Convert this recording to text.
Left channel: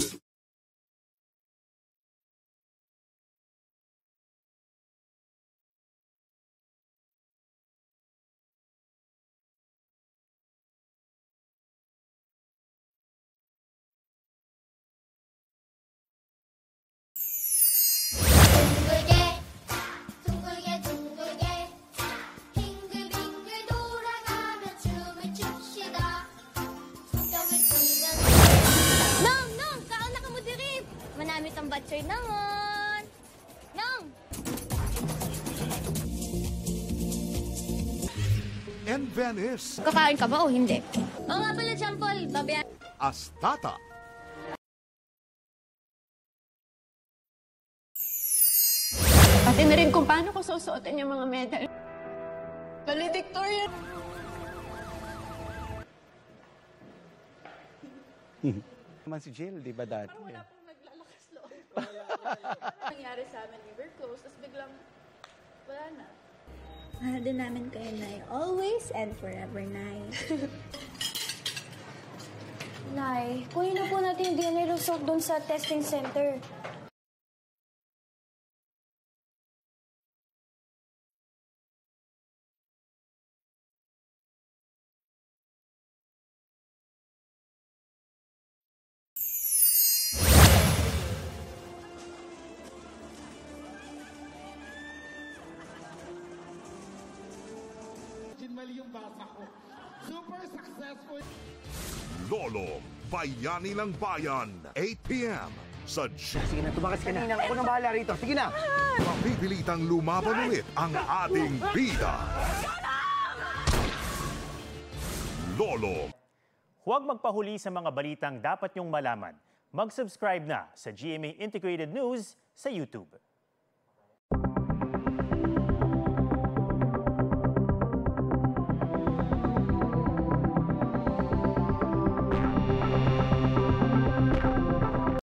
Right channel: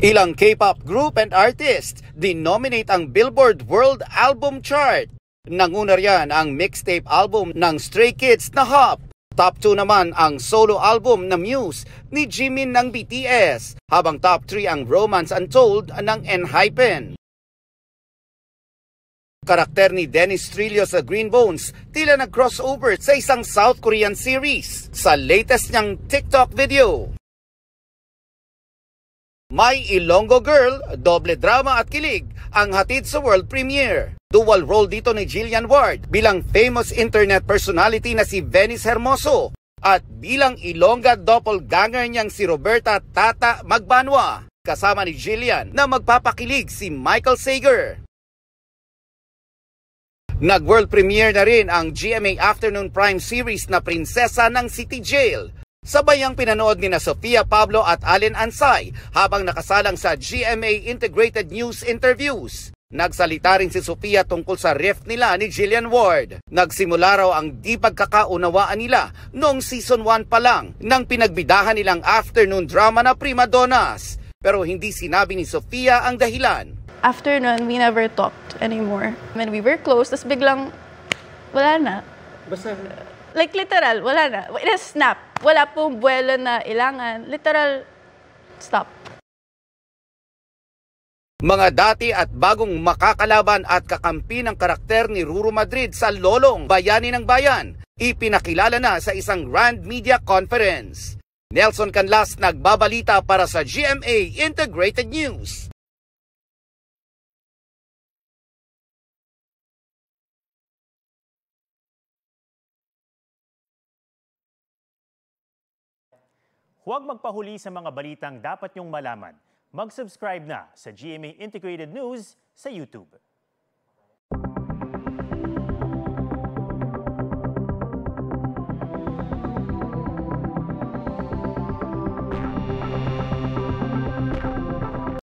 Ilang K-pop group and artist dinominate ang Billboard World Album Chart. Nanguna riyan ang mixtape album ng Stray Kids na Hop. Top 2 naman ang solo album na Muse ni Jimin ng BTS, habang top 3 ang Romance Untold ng ENHYPEN. Karakter ni Dennis Trillo sa Green Bones tila nag-crossover sa isang South Korean series sa latest niyang TikTok video. May Ilonggo Girl, doble drama at kilig ang hatid sa world premiere. Dual role dito ni Jillian Ward bilang famous internet personality na si Venice Hermoso at ilang Ilongga doppelganger niyang si Roberta Tata Magbanwa. Kasama ni Jillian na magpapakilig si Michael Sager. Nag-world premiere na rin ang GMA Afternoon Prime series na Prinsesa ng City Jail. Sabay ang pinanood ni na Sofia Pablo at Allen Ansay habang nakasalang sa GMA Integrated News Interviews. Nagsalita rin si Sofia tungkol sa rift nila ni Jillian Ward. Nagsimula raw ang di pagkakaunawaan nila noong season 1 pa lang nang pinagbidahan nilang afternoon drama na Prima Donnas. Pero hindi sinabi ni Sofia ang dahilan. After nun, we never talked anymore. When we were close, tas biglang wala na. Basta like literal, wala na. In a snap. Wala pong buwelo na ilangan. Literal, stop. Mga dati at bagong makakalaban at kakampi ng karakter ni Ruru Madrid sa Lolong Bayani ng Bayan, ipinakilala na sa isang Grand Media Conference. Nelson Canlas nagbabalita para sa GMA Integrated News. sige na, tumakas ka na. Ako nang bahala rito. Sige na. Mapipilitang lumaban ulit ang ating bida. Lolo. Huwag magpahuli sa mga balitang dapat niyong malaman. Mag-subscribe na sa GMA Integrated News sa YouTube.